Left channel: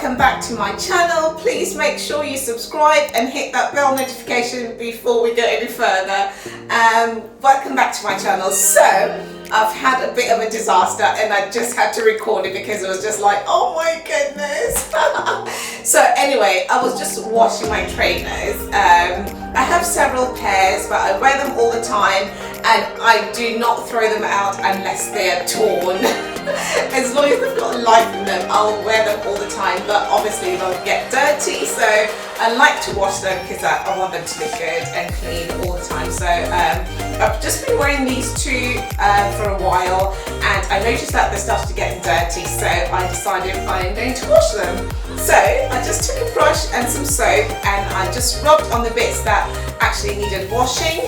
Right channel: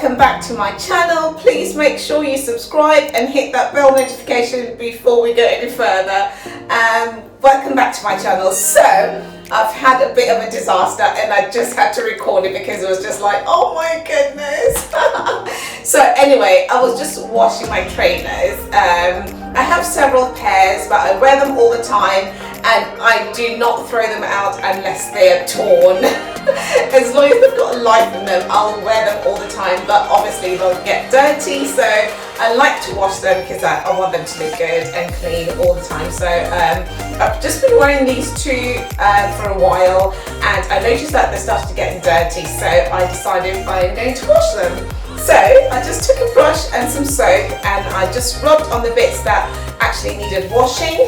welcome back to my channel. Please make sure you subscribe and hit that bell notification before we go any further. Welcome back to my channel. So I've had a bit of a disaster and I just had to record it because it was just like, oh my goodness. So anyway, I was just washing my trainers. I have several pairs, but I wear them all the time and I do not throw them out unless they're torn. As long as they've got life in them, I'll wear them all the time, but obviously they'll get dirty, so I like to wash them because I want them to look good and clean all the time. So I've just been wearing these two for a while and I noticed that they started getting dirty, so I decided I'm going to wash them. So I just took a brush and some soap and I just rubbed on the bits that actually needed washing.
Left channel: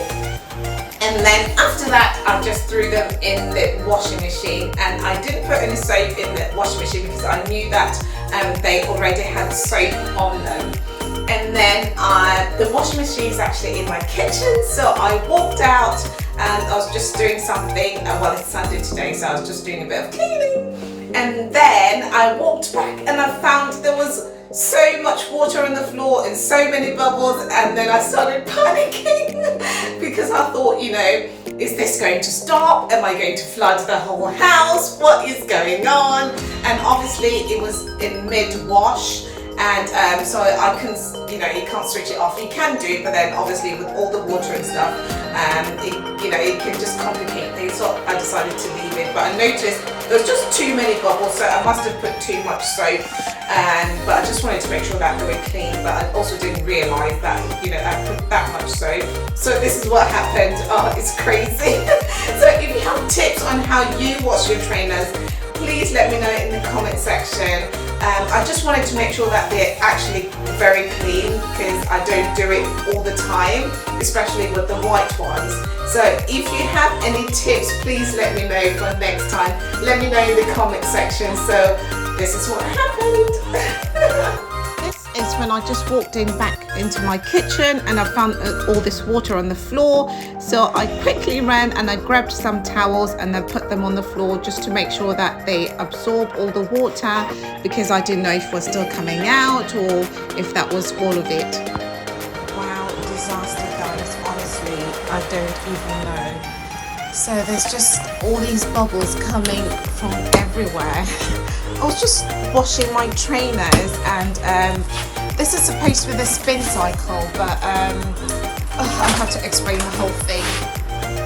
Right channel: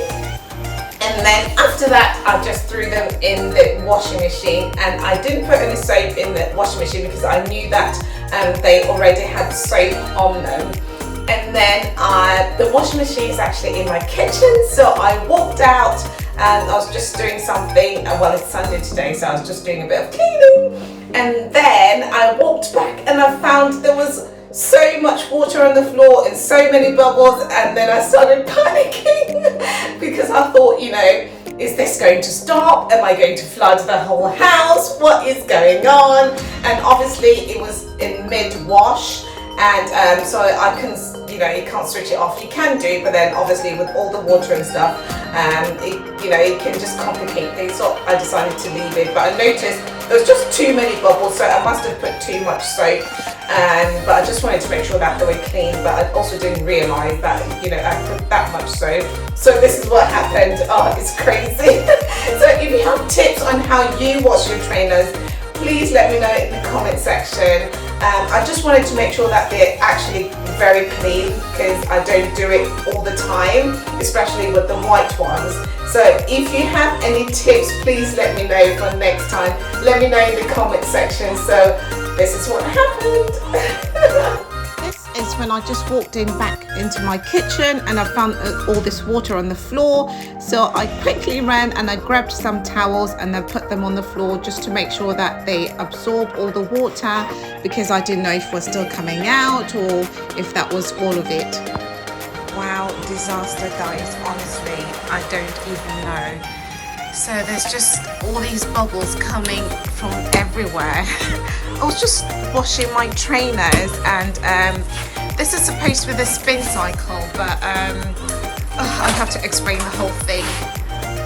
And then after that, I just threw them in the washing machine, and I didn't put any soap in the washing machine because I knew that they already had soap on them. And then the washing machine is actually in my kitchen, so I walked out and I was just doing something. Well, it's Sunday today, so I was just doing a bit of cleaning. And then I walked back and I found there was so much water on the floor and so many bubbles, and then I started panicking because I thought, you know, is this going to stop? Am I going to flood the whole house? What is going on? And obviously it was in mid-wash, and so I can, you know, you can't switch it off. You can do, but then obviously with all the water and stuff, it can just complicate things. So I decided to leave it, but I noticed there was just too many bubbles, so I must have put too much soap. But I just wanted to make sure that they were clean, but I also didn't realise that, you know, I put that much soap. So this is what happened. Oh, it's crazy. So if you have tips on how you wash your trainers, please let me know in the comment section. I just wanted to make sure that they're actually very clean because I don't do it all the time, especially with the white ones. So if you have any tips, please let me know for next time. Let me know in the comment section. So this is what happened. This is when I just walked back into my kitchen and I found all this water on the floor. So I quickly ran and I grabbed some towels and then put them on the floor just to make sure that they absorb all the water, because I didn't know if it was still coming out or if that was all of it. Wow, disaster guys, honestly, I don't even know. So there's just all these bubbles coming from everywhere. I was just washing my trainers and this is supposed to be the spin cycle, but I have to explain the whole thing.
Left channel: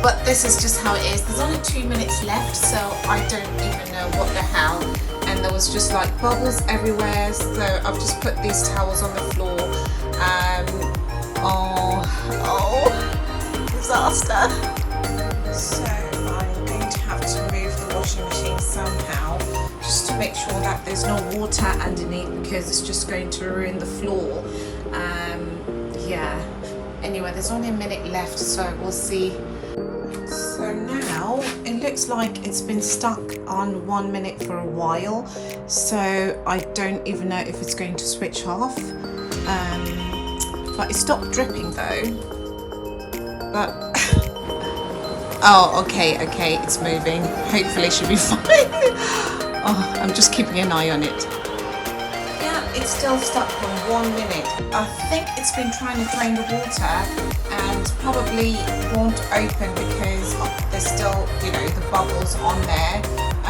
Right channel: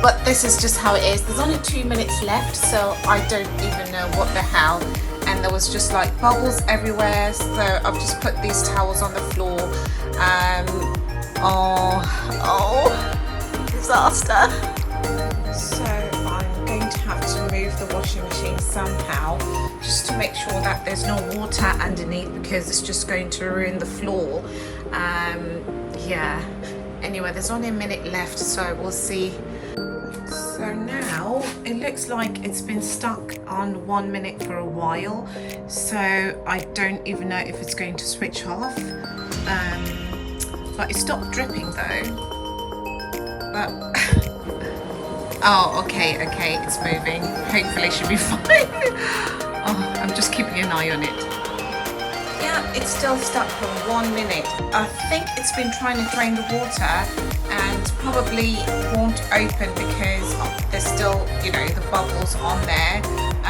But this is just how it is. There's only 2 minutes left, so I don't even know what the hell. And there was just like bubbles everywhere, so I've just put these towels on the floor. Disaster. So I'm going to have to move the washing machine somehow, just to make sure that there's no water underneath, because it's just going to ruin the floor. Yeah, anyway, there's only a minute left, so we'll see. So now it looks like it's been stuck on 1 minute for a while, so I don't even know if it's going to switch off. But it stopped dripping though. But oh, okay, it's moving. Hopefully it should be fine. Oh, I'm just keeping an eye on it. Yeah, it's still stuck for 1 minute. I think it's been trying to drain the water and probably won't open because there's still, you know, the bubbles on there. I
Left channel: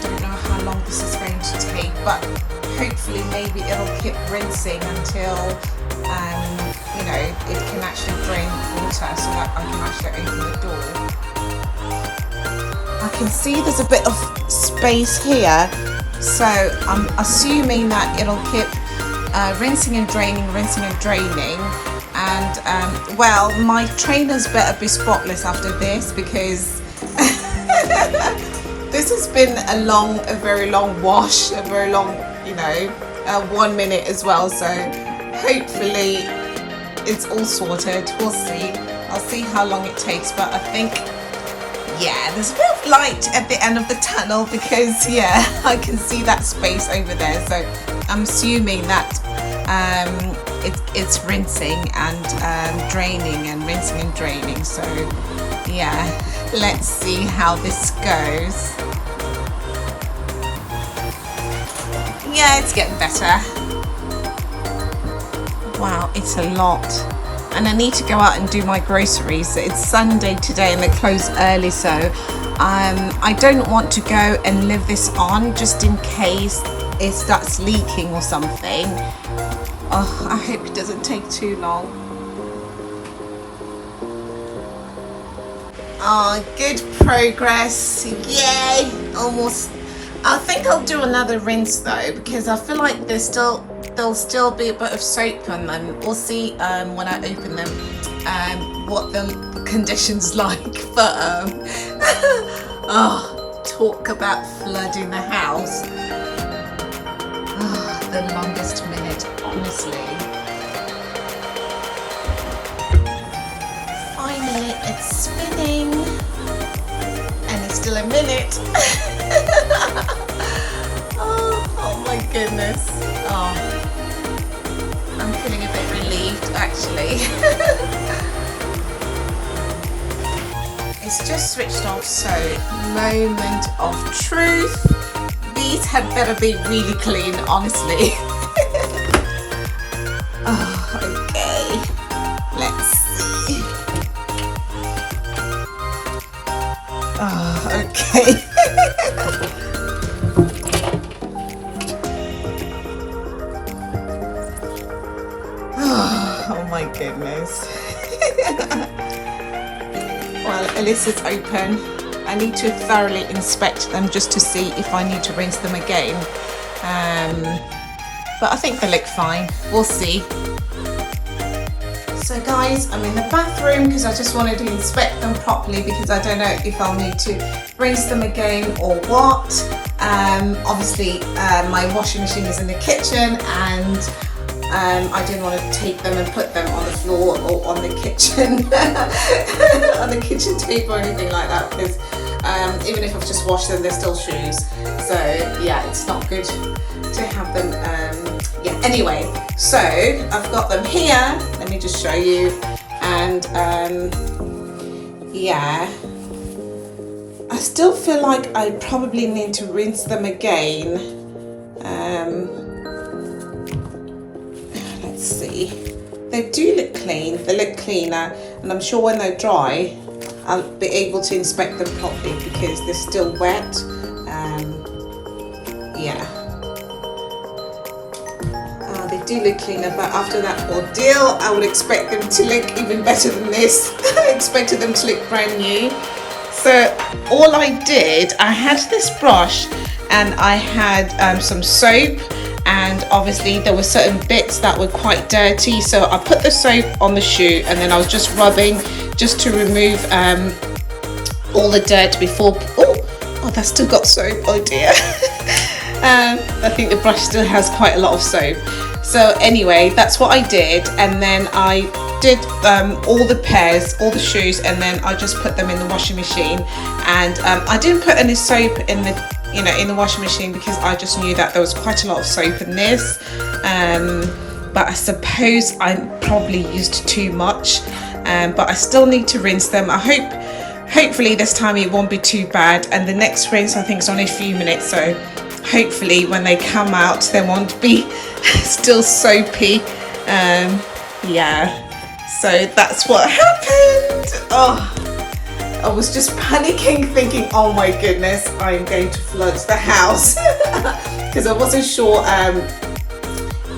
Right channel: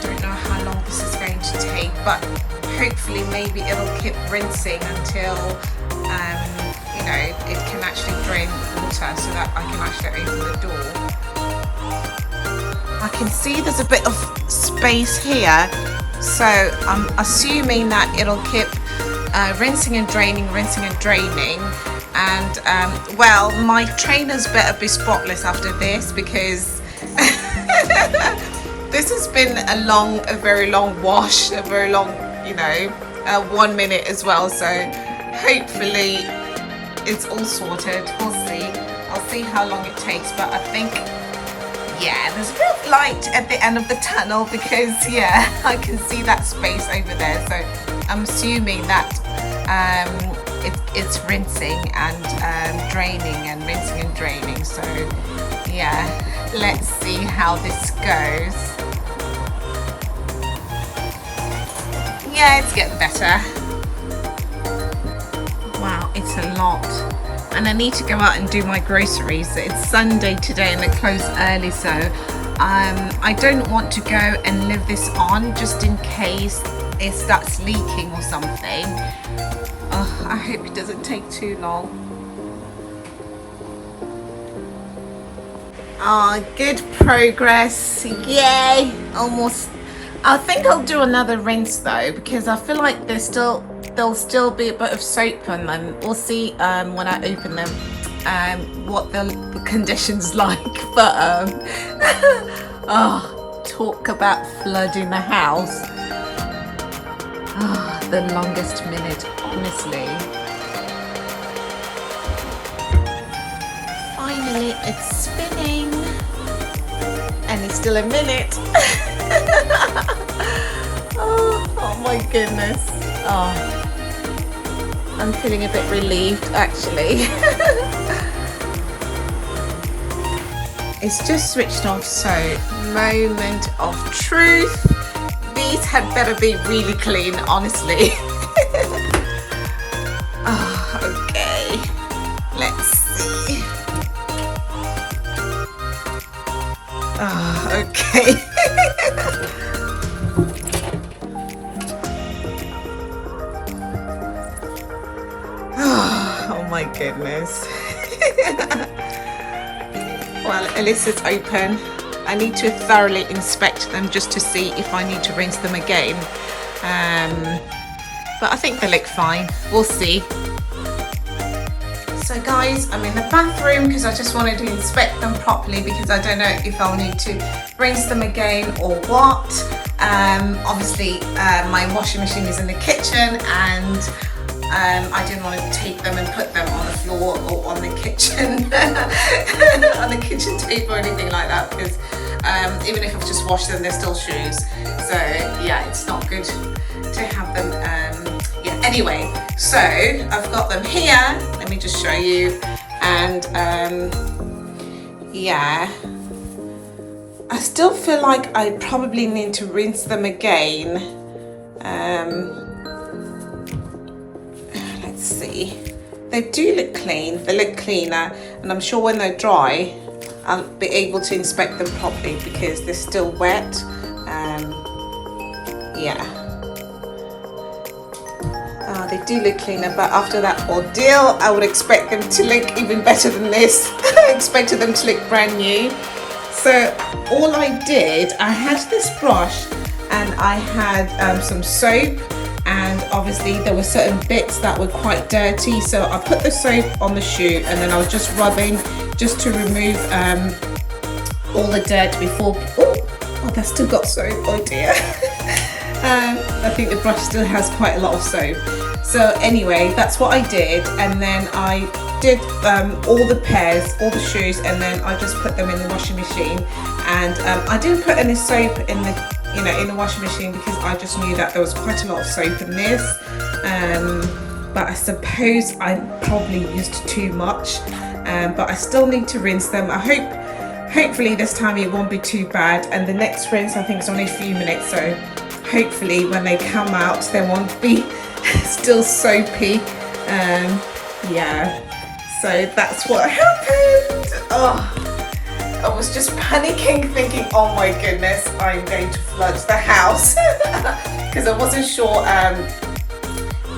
don't know how long this is going to take, but hopefully maybe it'll keep rinsing until you know, it can actually drain water so that I can actually open the door. I can see there's a bit of space here, so I'm assuming that it'll keep rinsing and draining, and well, my trainers better be spotless after this, because this has been a very long wash, a very long, you know, 1 minute as well, so hopefully it's all sorted. We'll see. I'll see how long it takes, but I think, yeah, there's a bit of light at the end of the tunnel, because yeah, I can see that space over there, so I'm assuming that it's rinsing and draining and rinsing and draining. So yeah, let's see how this goes. it's getting better. Wow, it's a lot. And I need to go out and do my groceries. It's Sunday today and they close early, so I don't want to go and leave this on just in case it starts leaking or something. Oh, I hope it doesn't take too long. Oh, good progress. Yay! Almost. I think I'll do another rinse though, because I feel like there'll still be a bit of soap on them. We'll see when I open them what the condition's like. But oh, talk about flooding the house. Oh, the longest minute, honestly. Finally, it's spinning, and it's still a minute. Oh my goodness. Oh, I'm feeling a bit relieved actually. It's just switched off, so moment of truth. These had better be really clean, honestly. Oh, okay. Let's see. Oh, okay. Oh my goodness. Well, Alyssa's open. I need to thoroughly inspect them just to see if I need to rinse them again. But I think they look fine. We'll see. So guys, I'm in the bathroom because I just wanted to inspect them properly because I don't know if I'll need to rinse them again or what. Obviously, my washing machine is in the kitchen and I didn't want to take them and put them on the floor or on the kitchen on the kitchen table or anything like that, because even if I've just washed them, they're still shoes. So yeah, it's not good to have them. Yeah. Anyway, so I've got them here. Let me just show you. And yeah, I still feel like I probably need to rinse them again. Let's see. They do look clean. They look cleaner, and I'm sure when they're dry, I'll be able to inspect them properly because they're still wet. Yeah. They do look cleaner, but after that ordeal, I would expect them to look even better than this. I expected them to look brand new. So all I did, I had this brush and I had some soap, and obviously there were certain bits that were quite dirty, so I put the soap on the shoe and then I was just rubbing just to remove all the dirt before. Oh, that's still got soap. Oh dear. I think the brush still has quite a lot of soap. So anyway, that's what I did, and then I did all the pairs, all the shoes, and then I just put them in the washing machine. And I didn't put any soap in the washing machine because I just knew that there was quite a lot of soap in this. But I suppose I probably used too much. But I still need to rinse them. Hopefully this time it won't be too bad. And the next rinse I think is only a few minutes, so hopefully when they come out they won't be still soapy. Yeah, so that's what happened. Oh, I was just panicking thinking, oh my goodness, I'm going to flood the house because I wasn't sure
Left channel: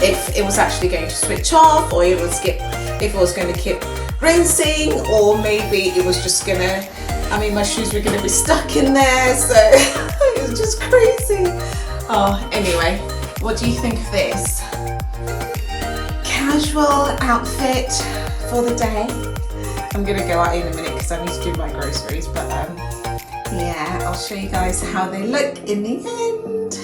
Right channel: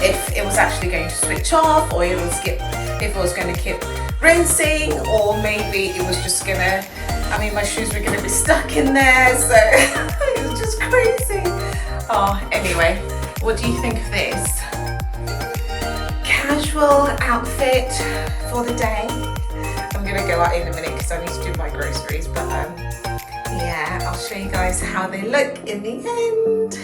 if it was actually going to switch off, or if it was going to keep rinsing, or maybe it was just gonna, my shoes were gonna be stuck in there, so it was just crazy. Oh, anyway, what do you think of this? Casual outfit for the day. I'm gonna go out in a minute because I need to do my groceries, but yeah, I'll show you guys how they look in the end.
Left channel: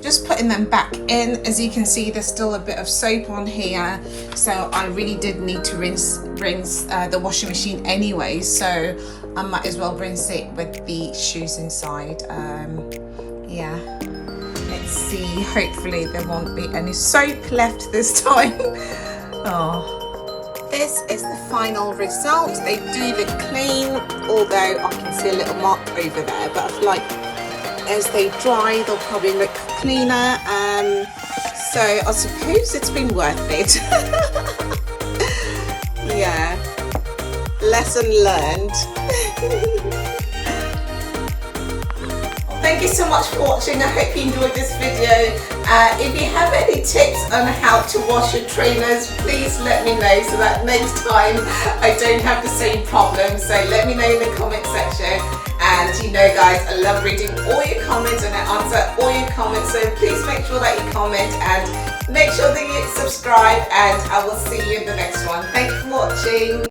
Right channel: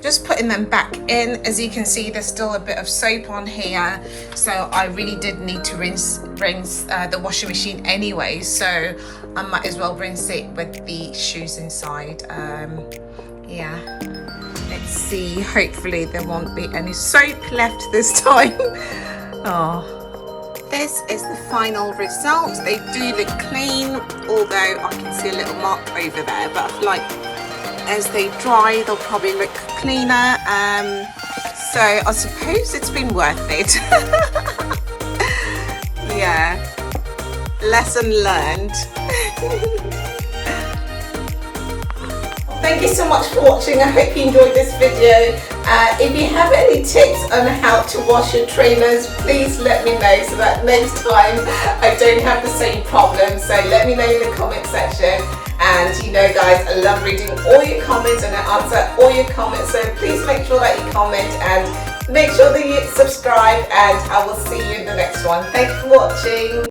Just putting them back in. As you can see, there's still a bit of soap on here, so I really did need to rinse the washing machine anyway, so I might as well rinse it with the shoes inside. Yeah, let's see, hopefully there won't be any soap left this time. Oh, this is the final result. They do look clean, although I can see a little mark over there, but I feel like as they dry they'll probably look cleaner, so I suppose it's been worth it. Yeah, lesson learned. Thank you so much for watching. I hope you enjoyed this video. If you have any tips on how to wash your trainers, please let me know so that next time I don't have the same problem. So let me know in the comment section. And you know guys, I love reading all your comments and I answer all your comments. So please make sure that you comment and make sure that you subscribe, and I will see you in the next one. Thank you for watching.